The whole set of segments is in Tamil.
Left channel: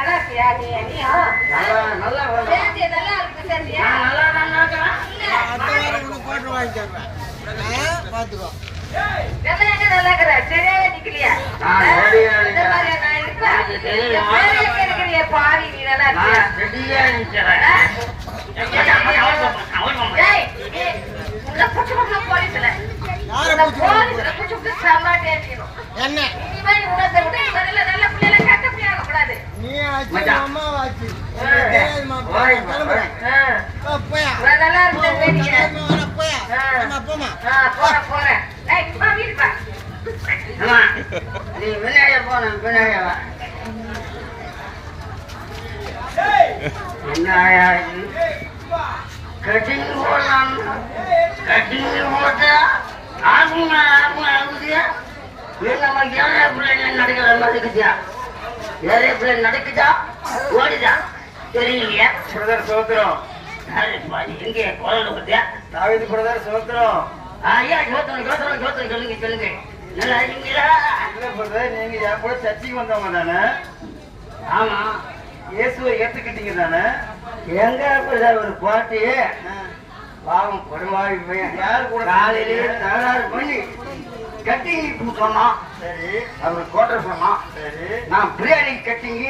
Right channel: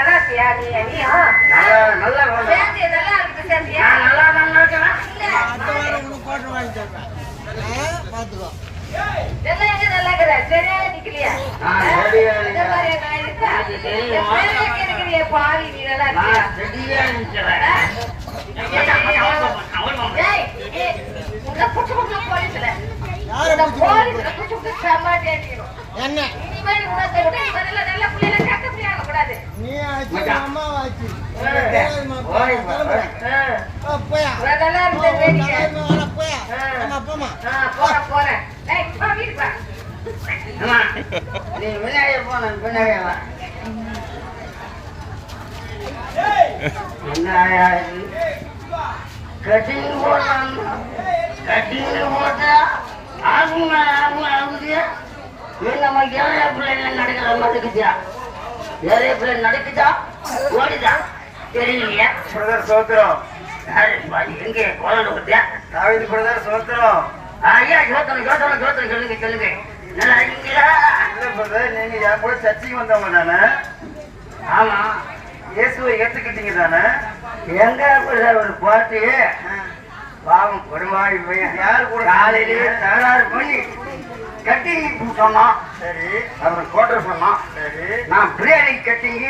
நல்லா இருக்கியா நீ நல்லா. சேர்ந்து நல்லா இருக்கு சேர்ந்தியா நல்லா தான் இல்ல. உனக்கு வாங்கி தருவேன். பாத்துக்கோ எங்க நல்லா இருக்கிற சரியா நிக்கலையா? இந்த. மாதிரி நான் நீ நல்லா நிக்கிறேன். ஏய், போலீஸ்ல. யாரை. என்ன? இனிமே உனத்தை கட்டிங் போடலாம் கட்டிங் போட்டா ஆகுங்க ஆகுங்க ஆகுதியா? இது நம்ம ஏழை பிள்ளைங்க நடக்கிற மாதிரி இருக்குதியா? ஏழை பிள்ளை நடக்குதா? ஓடுதா? தெரியலையா. பிரதர் சோத்திரம். பாரு, எங்கே? குழந்தை பத்தியா? தாவிது பிரதர் சோத்திரம். ஐயா ஜோத்தனம் ஜோத்தனம் ஜோத்தனம். சொல்லுங்க சொல்லுங்க. நல்லா இருக்கீங்களா? இல்ல பிரதர் நீங்க என் கூட சர்ச்சைக்கு வந்தவங்க தானே? ஆமா. இயேசுவை ஏத்துக்கிட்டீங்க தானே? எங்க பிரதர் ஒரு பாட்டு? பாவம் கொடுவாடி பையன் யார் கூட காலையிலே தகராறு பண்ணி. கட்டி கொடுக்கமா சரி. அப்புறம் கோட்டர் சொன்னான் சரி. நான் பிரியாணி கட்டிங்க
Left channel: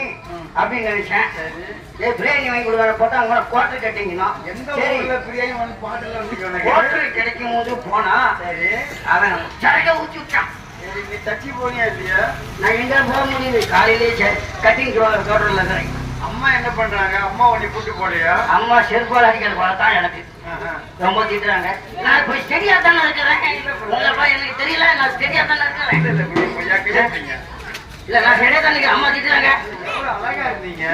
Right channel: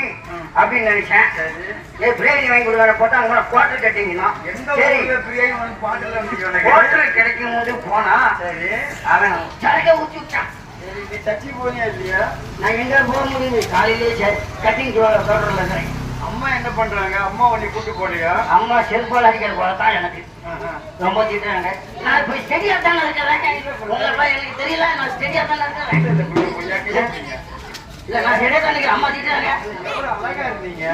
அப்படின்னு நினைச்சேன். சரி. ஏ பிரியாணி வாங்கி கொடுக்குற போட்டா அவங்க கோட்டர் கட்டிங்கன்னா எந்த பிரியாணி வந்து பாட்டுல கோட்டர் கிடைக்கும் போது போனா சரி. அவன் சரக்க ஊற்றி விட்டான். சரி நீ சர்ச்சை போனியா இல்லையா? நான் எங்க போக முடியுது. காலையிலே கட்டிங் தான் அம்மா என்ன பண்றாங்க? அம்மா உன்னை கூட்டு போலையா அம்மா செல்பால் அடிக்கிற போல தான் எனக்கு. ரொம்ப திட்டுறாங்க. நான் இப்ப சரியா தானே இருக்கிறேன். எனக்கு தெரியல. நான் சரியா தானே இருக்கிறேன். இல்ல, நான் சரியா தான் இருக்கிறேன் அம்மா திட்டுறாங்க. அழகா இருந்தீங்க.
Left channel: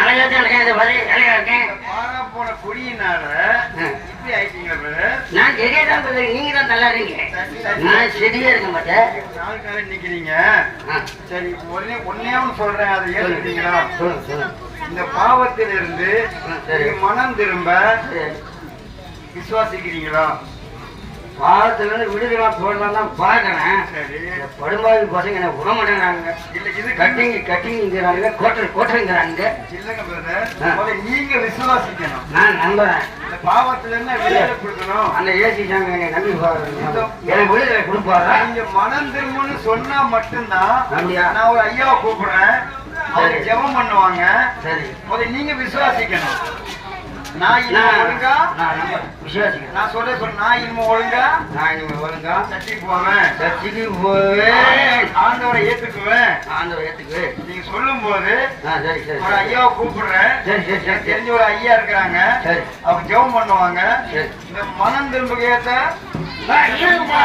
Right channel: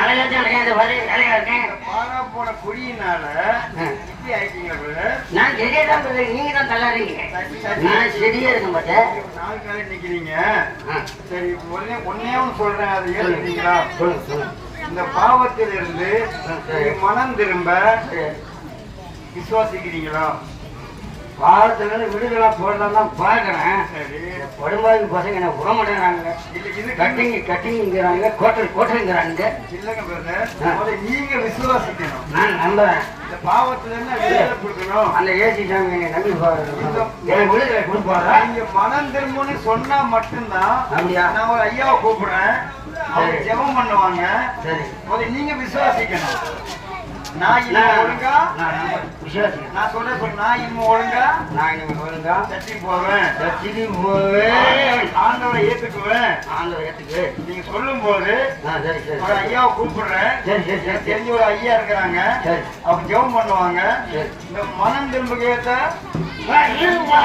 அழகா தான் இருக்கேன். இந்த வரை அழகா இருக்கேன். பாரா போன குடியினால இப்படி ஆயிட்டீங்க நான் சரியா தான் நீங்க தான் நல்லா இருக்கீங்க. நான் சரியா இருக்க மாட்டேன் நாலு காலை நிக்கிறீங்க. சரி உடனே ஒன்னே ஒண்ணு சொல்றேன். அதை சொல்லுங்க சொல்லுங்க. இந்த பாவத்திலிருந்து சரி. நீங்க மனம் திரும்ப. விசுவாசிக்கிறீங்களா? பாவத்துல இருந்து விடுதலாம் போடலாம் தான் பாக்குறேன் படும்பாவி பசங்க என்ன விட மாட்டேங்கிறாங்க. இல்ல இது கட்டிங் கட்டிங்கிறாங்க கோட்டர் கோட்டருங்கிறாங்க. இல்லங்க நீங்க விசுவாசிக்கணும். நான் நம்புறேன். பாவத்துல இருந்து விடுதலை கொடுக்கணும் அந்த ஏசி சாமி என்னை நம்பி எனக்கு விடுதலை கொடுப்பாரா? நீங்க மனம் திரும்புன்னு சொன்னா மட்டும்தான்? நான் ஒரு ஐயாவை கூப்பிடுறேன். அவங்க. ஜெபம் பண்ணுவாங்க. சரி. முதல்ல நீங்க விசுவாசிக்கணும். நான் இனிமே நான் ஒழுங்கா நான் சொல்ற சொல்ல நான் இனிமே ஒழுங்கா? நான் இனிமே ஒழுங்கா? சர்ச்சைக்கு போவேன். சர்ச்சைக்கு போவேன் ஆண்டவரை ஏத்துக்குவேன். ஆண்டவர் ஏத்துக்கு. நீங்க சொல்லும் போது சரி சரி ஒரு ஐயாவை கூப்பிடுறேன். சரி சரி சரி தெரிஞ்ச ஒரு ஐயா இருக்கிறாங்க. சரி. அவங்க ஜெபம் பண்ணுவாங்க. இந்த மனம் திரும்ப கேட்ட ஆ, இருப்பா,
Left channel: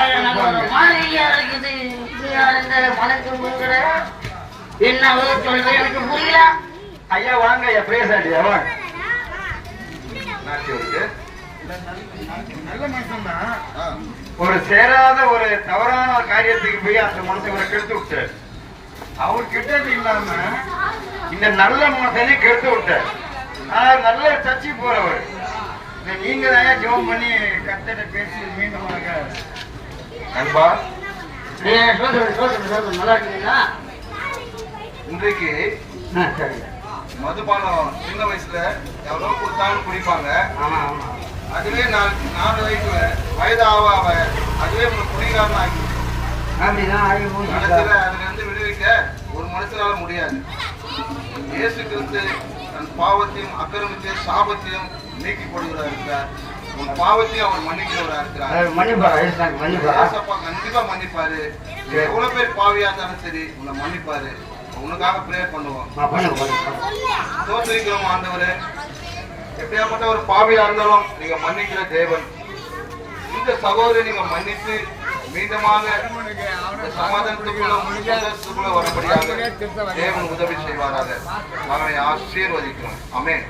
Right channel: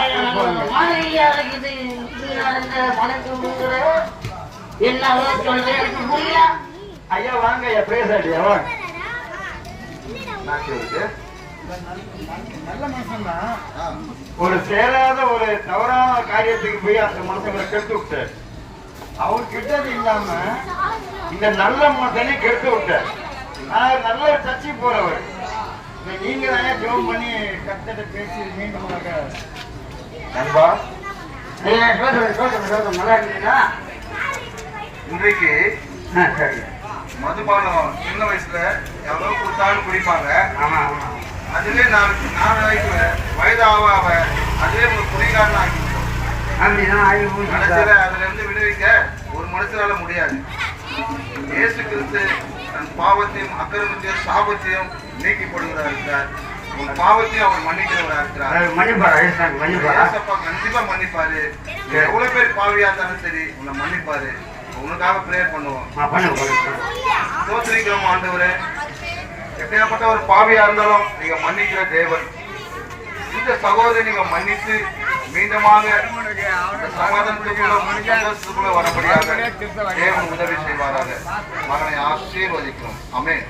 எனக்கு புரியல. ஐயா வாங்க ஐயா பேசாடியா வாங்க. நாட்டியவருக்கு நல்ல மனுஷன் தான் ஒரு சேராத ஒரு தவறான ஒரு காரியத்துக்கு போய் அந்த மனுஷங்களை கெடுத்து விட்டார். அவர் கிட்டது இல்லாம இந்த நல்ல மனுஷனை கெடுத்து விட்டார். ஆனா நல்ல சர்ச்சை போறவர். நீங்க தான் ஜெபம் பண்ணி கத்தட்ட பேசி மீண்டும் நண்பா. நல்லா இருக்கீங்களா? இன்றைக்கு சரி மதுபானம் சின்ன வயசுல எவ்வளவு கொடுத்தாலும் குடிப்பாங்க. அதுவே நாலு நாலு வயசு வயது ஆக ஆக அதுவே உங்களுக்கு விட்டோம் அப்படிதான் ஆகி போச்சு. கடைசியில அதுல இருந்து விடுவிக்க ஒரு மனுஷனால முடியாது. இயேசு கிறிஸ்து தன் பாவத்தையும் அக்கிரமத்தையும் சாபத்தையும் நீக்கி போடுகிறா இருக்கிறார். உன் பாவத்தையும் அவர் மன்னிக்கிறவரா இருக்கிறார். மன்னிப்பாரா? கண்டிப்பா மன்னிப்பாரு. எவ்வளவு பேர் பாவியா இருந்தாலும் சரி உன்னை மன்னிப்பாரு. உனக்காக ப்ரேயர் பண்ணுவோம். தோற்றிருக்கிறோம் ஆண்டவரே. எப்படியாப்பட்ட ஒரு பாவியா இருந்தாலும் நீங்க மன்னிக்கிற தேவன். இந்த சகோதரி நீங்க மன்னித்து மீண்டுமாக சமாதானத்துக்குள்ள சந்தோஷத்துக்குள்ள வரபடியாக தேவன் உதவி செய்வாராக. மகனை ஆசீர்வதிக்கிறோம். அமேன்